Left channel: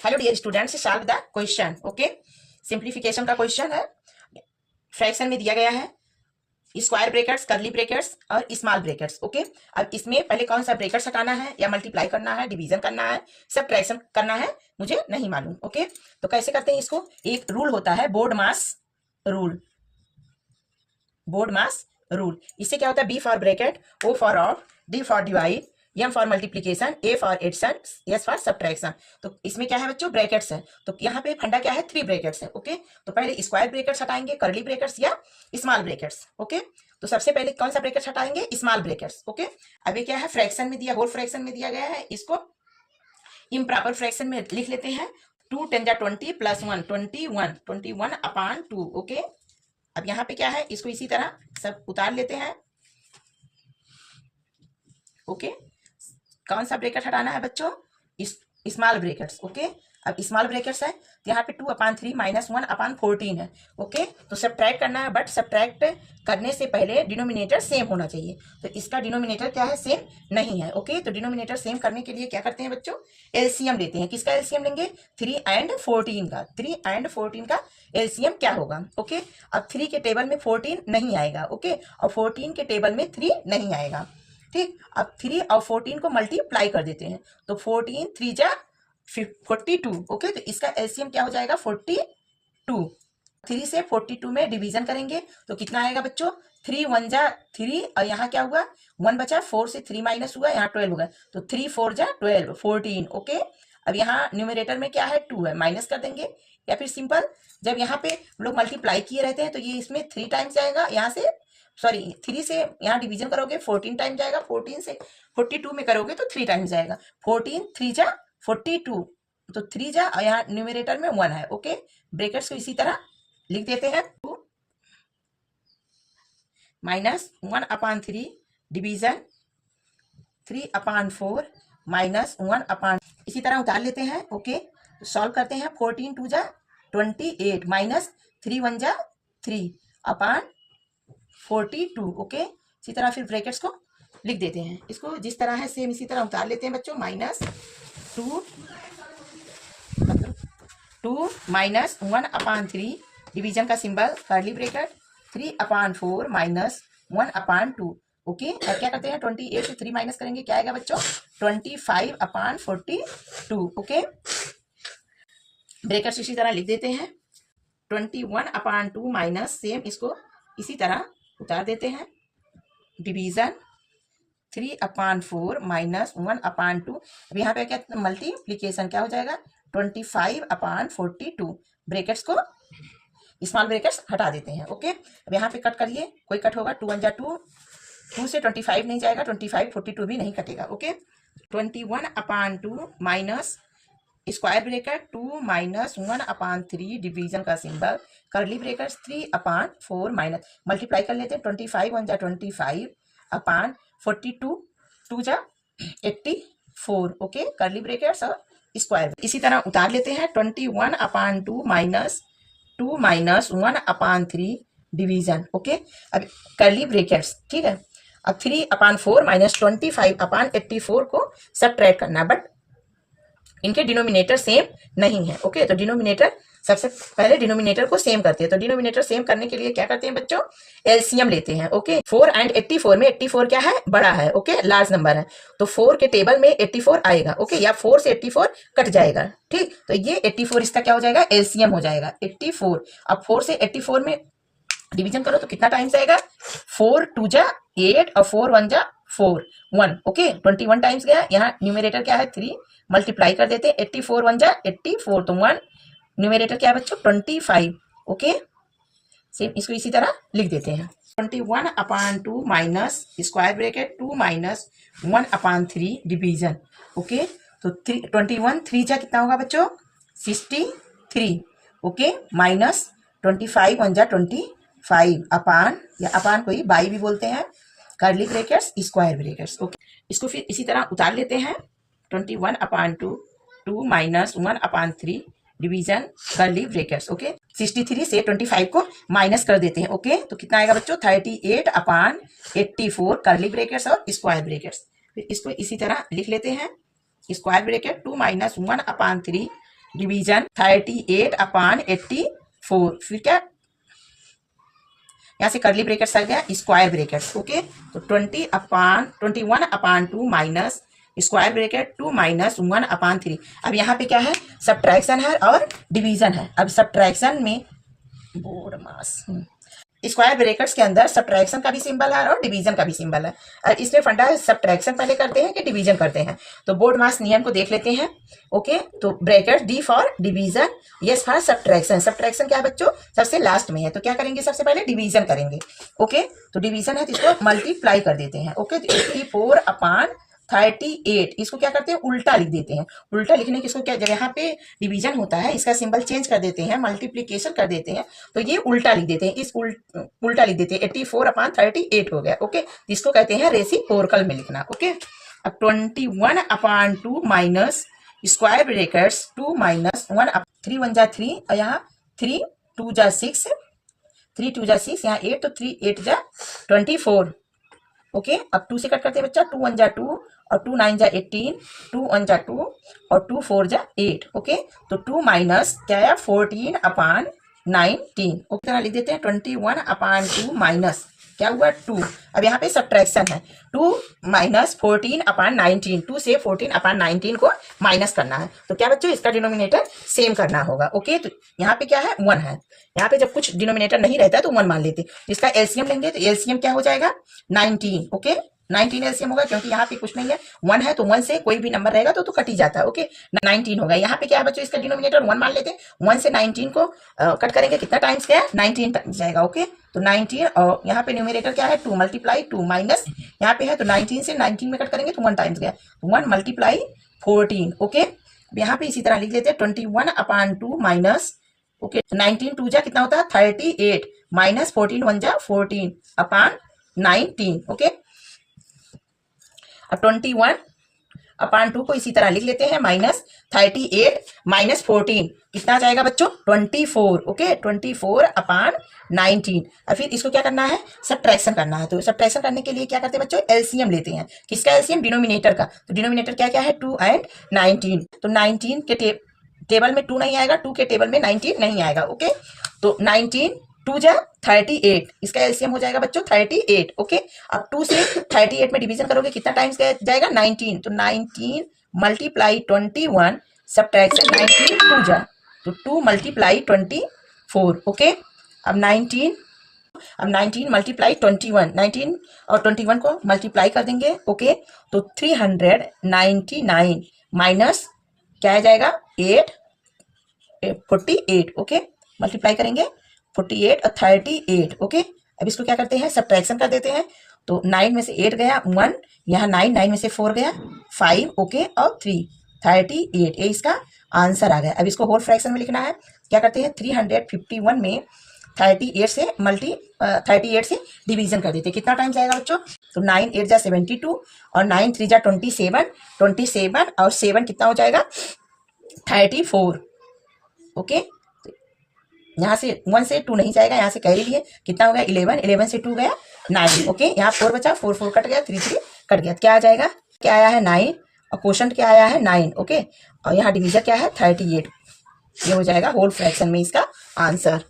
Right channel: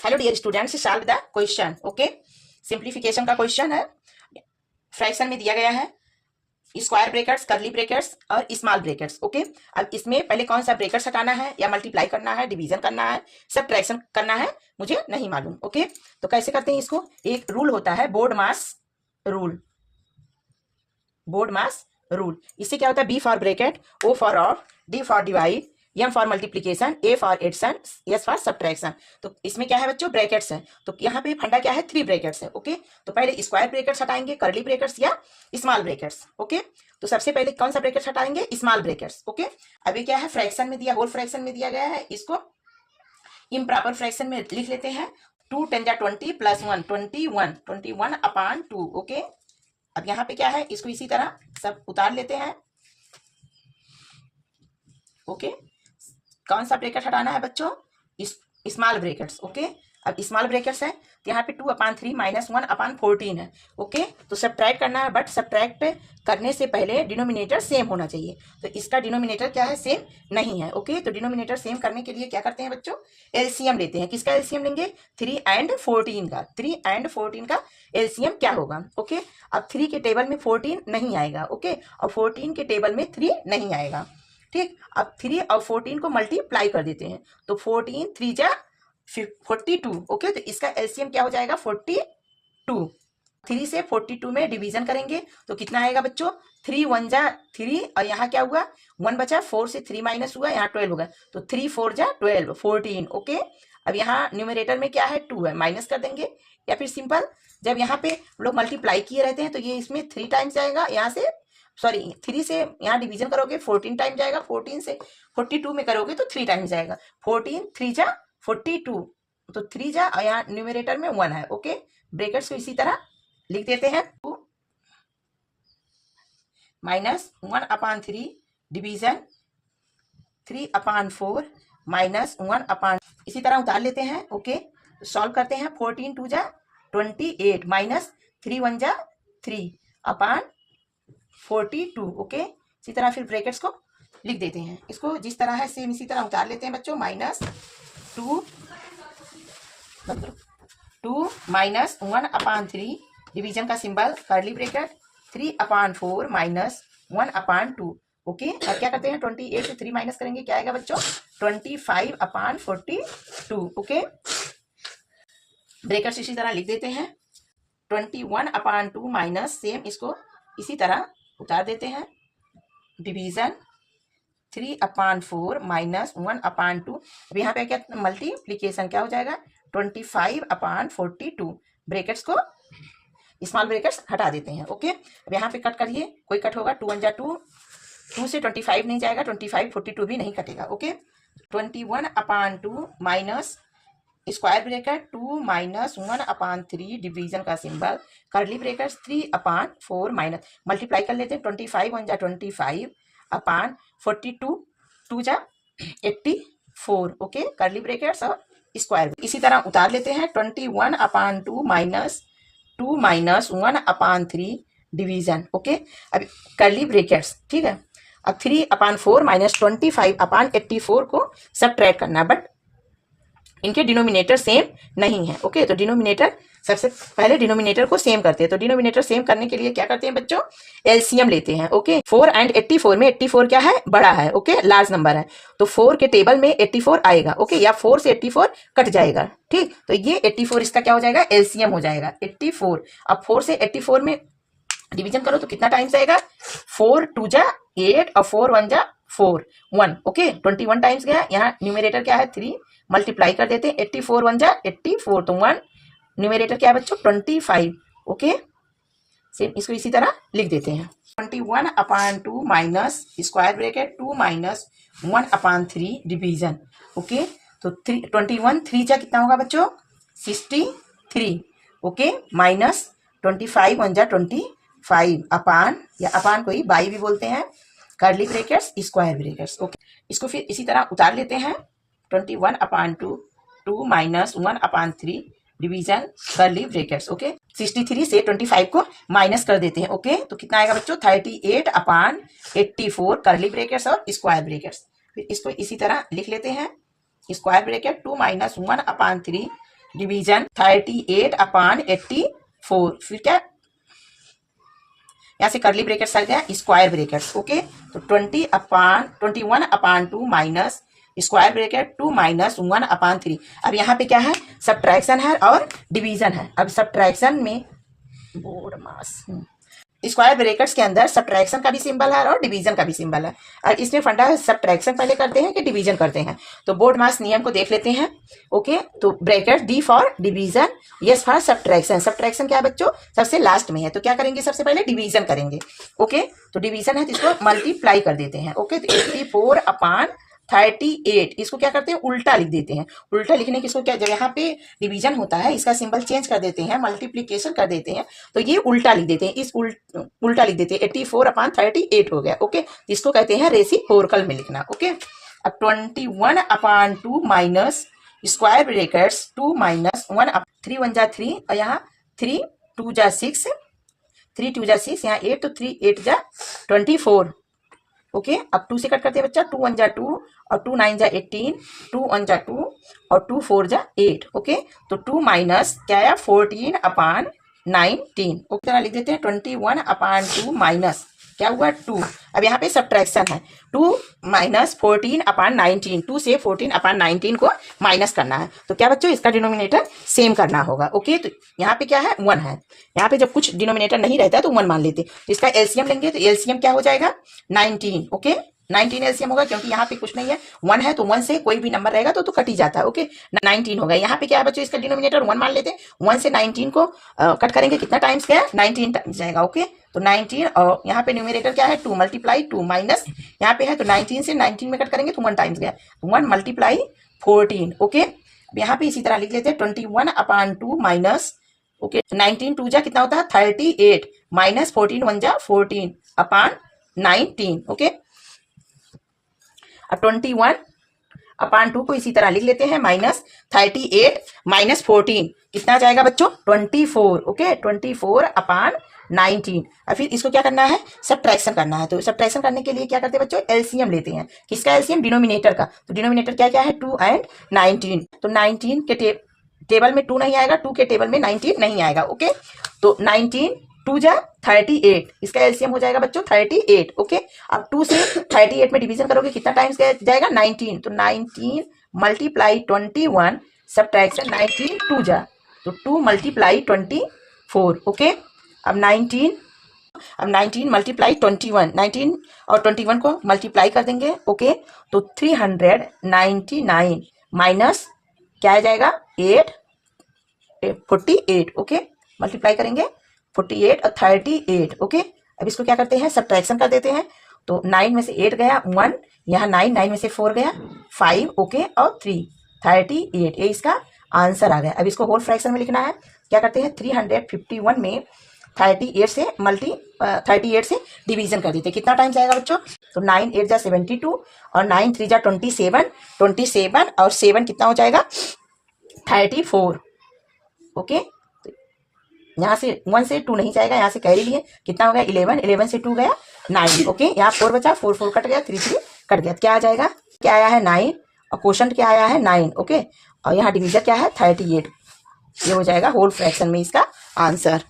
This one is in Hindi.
Hello dear students, solve the question. Okay, simplification का क्वेश्चन है। फ्रैक्शन में दिया गया है स्क्वायर ब्रैकेट्स, कर्ली ब्रैकेट्स और स्मॉल ब्रैकेट्स। ओके, अब इसमें पहले कौन सा ब्रैकेट्स हटाना है, या मल्टीप्लाई करना है, डिवीजन करना है, सबट्रैक्शन करना है, मुझे नहीं मालूम। ओके, तो कैसे करते हैं इसको। एक रूल होता है board mass rule. Board mass rule, इससे क्या होता है, B for bracket, O for of, D for divide, M for multiplication, A for addition, S for subtraction. तो इसमें क्या है बच्चों, ब्रैकेट्स है। तो यहाँ पे फंडा क्या है, 3 ब्रैकेट्स है। ओके, तो पहले स्क्वायर ब्रैकेट्स हटाएंगे, कर्ली ब्रैकेट्स या स्मॉल ब्रैकेट्स। ओके, तो सबसे पहले कौन सा ब्रैकेट्स हटाएंगे, स्मॉल ब्रैकेट्स। ओके, अभी क्या है, फ्रैक्शन में दिया, होल फ्रैक्शन में दिया गया है, इसको इम्प्रॉपर फ्रैक्शन में लिख लेते हैं। 2 × 10 20 + 1 21/2। ओके, अब यहाँ पे क्या है, इसको इसी तरह सब उतार लेते हैं। ओके, कौन सा ब्रैकेट हटाना है बच्चों, स्मॉल ब्रैकेट्स। ओके, अब स्मॉल ब्रैकेट्स है तो यहाँ पे 2/3 - 1/14 है। ओके, तो सब्ट्रैक्ट करना है, बट सब्ट्रैक्ट करने से पहले डिनोमिनेटर सेम होना चाहिए। तो इसका डिनोमिनेटर क्या है, सेम नहीं है। ओके, तो डिनोमिनेटर सेम करने के लिए क्या करते हैं बच्चों, एलसीएम लेते हैं। किसका एलसीएम लेंगे, 3 और 14 का। 3 और 14 का एलसीएम क्या होगा। ओके, अब 3 के टेबल में 14 नहीं आएगा। ओके, और 14 के टेबल में 3 नहीं आएगा। ठीक, अब 3 और 14 को मल्टीप्लाई कर देते हैं, तो 14 3 जा 42। ओके, तो इसका एलसीएम क्या हो जाएगा, 42। 3 से 42 में डिवीजन करेंगे तो कितना आएगा बच्चों, 3 1 जा 3, और यहाँ क्या हुआ, 1 बचा, 4 से 3 माइनस हुआ, यहाँ 12 होगा, तो 3 4 जा 12 14। ओके, अब यहाँ न्यूमरेटर में क्या है, 2 है, माइनस कर देंगे, या फिर सिंपल जब यहाँ पे लोग मल्टीप्लाई किए रहते हैं तो ये इसमें 3 टाइम्स जाएगा, यहाँ से 3 से यहाँ डिवीजन करोगे 14 टाइम जाएगा, 14 से 42 में करोगे तो 3 टाइम्स जाएगा। 14 3 जा 42, तो 3 जा, और यहाँ न्यूमरेटर में 1 है। ओके, ब्रैकेट्स को इसी तरह लिख देते हैं। 2 - 1/3 डिवीजन 3/4 - 1/, इसी तरह उतार लेते हैं। ओके, सॉल्व करते हैं। 14 2 जा 28 -3 1 जा 3/42। ओके, इसी तरह फिर ब्रैकेट्स को लिख देते हैं। इसको जिस तरह है सेम इसी तरह उतार लेते हैं बच्चों। -2 - 1/3 डिवीजन का सिंबल, कर्ली ब्रैकेट, 3/4 - 1/2। ओके, और क्या करते हैं, 28 से 3 माइनस करेंगे, क्या आएगा बच्चों, 25/42। ओके, ब्रैकेट्स इसी तरह लिख देते हैं। 21/2 माइनस, सेम इसको इसी तरह उतार देते हैं, डिवीजन 3/4 - 1/2। अब यहाँ पे क्या मल्टीप्लीकेशन क्या हो जाएगा, 25/42। ब्रैकेट्स को स्मॉल ब्रैकेट्स हटा देते हैं। ओके, अब यहाँ पे कट करिए, कोई कट होगा, 2 1 जा 2, 2 से 25 नहीं जाएगा, 25 42 भी नहीं कटेगा। Okay, 21/2 minus square bracket 2 - 1/3 division का symbol, curly bracket 3/4 minus, multiply कर लेते हैं, 25 1 जा 25/42, 2 जा 84। ओके, कर्ली ब्रैकेट्स और स्क्वायर इसी तरह उतार लेते हैं। 21/2 माइनस 2 - 1/3 डिवीजन। ओके, अब कर्ली ब्रैकेट्स, ठीक है। अब 3/4 - 25/84 को सब्ट्रैक्ट करना, बट इनके डिनोमिनेटर सेम नहीं है। ओके, तो डिनोमिनेटर सबसे पहले डिनोमिनेटर को सेम करते हैं। तो डिनोमिनेटर सेम करने के लिए क्या करते हैं बच्चों, एलसीएम लेते हैं। ओके, 4 और 84 में 84 क्या है, बड़ा है। ओके, लार्ज नंबर है, तो 4 के टेबल में 84 आएगा। ओके, या 4 से 84 कट जाएगा। ठीक, तो ये 84 इसका क्या हो जाएगा, एलसीएम हो जाएगा 84। अब 4 से 84 में डिवीजन करो तो कितना टाइम्स आएगा, 4 2 जा 8 और 4 1 जा 4 1। ओके, 21 टाइम्स गया। यहाँ न्यूमरेटर क्या है, 3, मल्टीप्लाई कर देते हैं, 84 1 जा 84, तो 1, न्यूमरेटर क्या है बच्चों, 25। ओके, सेम इसको इसी तरह लिख देते हैं। 21/2 minus square bracket 2 - 1/3 division. Okay, तो 21 3 जा कितना होगा बच्चों, 63। ओके, माइनस 25 1 जा 25 अपान, या अपान कोई बाई भी बोलते हैं, curly brackets square brackets. Okay, इसको फिर इसी तरह उतार लेते हैं। 21/2 2 - 1/3 डिवीजन कर्ली ब्रैकेट्स। ओके, 63 से 25 को माइनस कर देते हैं। ओके, तो कितना आएगा बच्चों, 38/84 कर्ली ब्रैकेट्स और स्क्वायर ब्रैकेट्स। फिर इसको इसी तरह लिख लेते हैं, स्क्वायर ब्रैकेट 2 - 1/3 डिवीजन 38 अपान 84, फिर क्या यहाँ से करली ब्रेकेट्स आ गया, स्क्वायर ब्रेकेट्स, ओके। तो 21 अपान 2 माइनस स्क्वायर ब्रेकेट 2 माइनस 1 अपान 3। अब यहाँ पे क्या है, सब्ट्रैक्शन है और डिवीजन है। अब सब्ट्रैक्शन में बोर्ड मास स्क्वायर ब्रेकेट्स के अंदर सब्ट्रैक्शन का भी सिंबल है और डिवीजन का भी सिंबल है। और इसमें फंडा है सब्ट्रैक्शन पहले करते हैं कि डिवीजन करते हैं। तो बोर्ड मास नियम को देख लेते हैं, ओके। तो bracket D for division, yes for subtraction. Subtraction क्या है बच्चों, सबसे लास्ट में है। तो क्या करेंगे, सबसे पहले डिवीजन करेंगे, ओके। तो डिवीजन है तो इसको मल्टीप्लाई कर देते हैं, ओके। तो 84 अपान 38, इसको क्या करते हैं, उल्टा लिख देते हैं। उल्टा लिखने की इसको क्या, जब यहाँ पे डिवीजन होता है इसका सिंबल चेंज कर देते हैं, मल्टीप्लीकेशन कर देते हैं, तो ये उल्टा लिख देते हैं। इस उल्टा लिख देते हैं, 84 अपान 38 हो गया, ओके। इसको कहते हैं रेसिप्रोकल में लिखना, ओके। अब 21 अपान 2 माइनस स्क्वायर ब्रैकेट्स 2 माइनस 1, 3 1 जा 3 और यहाँ 3 2 जा 6, 3 2 जा 6, यहाँ 8 तो 3 8 जा 24, ओके। अब 2 से कट करते हैं बच्चा, 2 1 जा 2 और 2 9 जा 18, 2 1 जा 2 और 2 4 जा 8, ओके। तो 2 माइनस क्या है, 14 अपान 19, ओके। तरह लिख देते हैं 21 अपान 2 माइनस क्या हुआ 2। अब यहाँ पे सब्ट्रैक्शन है, 2 माइनस 14 अपान 19, 2 से 14 अपान 19 को माइनस करना है। तो क्या बच्चों, इसका डिनोमिनेटर सेम करना होगा, ओके। तो यहाँ पे क्या है, 1 है। यहाँ पे जब कुछ डिनोमिनेटर नहीं रहता है तो 1 मान लेते। तो इसका एलसीएम लेंगे, तो एलसीएम क्या हो जाएगा, 19, ओके। 19 एलसीएम होगा, क्योंकि यहाँ पे कुछ नहीं है, 1 है तो 1 से कोई भी नंबर रहेगा तो कट ही जाता है, ओके। 19 होगा। यहाँ पे क्या है बच्चों, इसका डिनोमिनेटर 1 मान लेते हैं। 1 से 19 को कट करेंगे, कितना टाइम्स गया, 19 टाइम्स जाएगा, ओके। तो 19 और यहाँ पे न्यूमरेटर क्या है, 2 मल्टीप्लाई 2 माइनस यहाँ पे है, तो 19 से 19 में कट करेंगे तो 1 टाइम्स गया, 1 मल्टीप्लाई 14, ओके। यहाँ पे इसी तरह लिख लेते हैं 21 अपान 2 माइनस, ओके। 19 2 जा कितना होता है 38 माइनस 14 1 जा 14 अपान 19, ओके। अब 21 अपान 2 को इसी तरह लिख लेते हैं, माइनस 38 माइनस 14 कितना जाएगा बच्चों, 24, ओके। 24 अपान 19। और फिर इसको क्या करना है, सब्ट्रैक्शन करना है। तो सब्ट्रैक्शन करने के लिए क्या करते हैं बच्चों, एलसीएम लेते हैं। किसका एलसीएम, डिनोमिनेटर का। तो डिनोमिनेटर क्या क्या है, 2 एंड 19। तो 19 के टेबल में 2 नहीं आएगा, 2 के टेबल में 19 नहीं आएगा, ओके। तो 19 2 जा 38, इसका एलसीएम हो जाएगा बच्चों 38, ओके। अब 2 से 38 में डिवीजन करोगे कितना टाइम्स जाएगा, 19। तो 19 मल्टीप्लाई 21 सब्ट्रैक्शन 19 2 जा, तो 2 मल्टीप्लाई 24, ओके। अब 19 मल्टीप्लाई 21, 19 और 21 को मल्टीप्लाई कर देंगे, ओके। तो 399 माइनस क्या आ जाएगा 48, ओके। मल्टीप्लाई करेंगे 48 और 38, ओके। अब इसको क्या करते हैं, सब्ट्रैक्शन कर देते हैं। तो 9 में से 8 गया 1, यहाँ 9 में से 4 गया 5, ओके, और 3 38, ये इसका आंसर आ गया। अब इसको होल फ्रैक्शन में लिखना है। क्या करते हैं, 351 में 38 से डिवीजन कर देते हैं। कितना टाइम जाएगा बच्चों, तो 9 8 जा 72 और 9 3 जा 27 और 7 कितना हो जाएगा 34, ओके। यहाँ से 1 से 2 नहीं जाएगा, यहाँ से कैरी लिए कितना हो गया 11 से 2 गया 9, ओके। यहाँ 4 बचा, 4 4 कट गया, 3 3 कट गया, क्या आ जाएगा, क्या आया है 9 और क्वोशंट क्या आया है 9, ओके। और यहाँ डिवीजन क्या है 38, ये हो जाएगा होल फ्रैक्शन में इसका आंसर।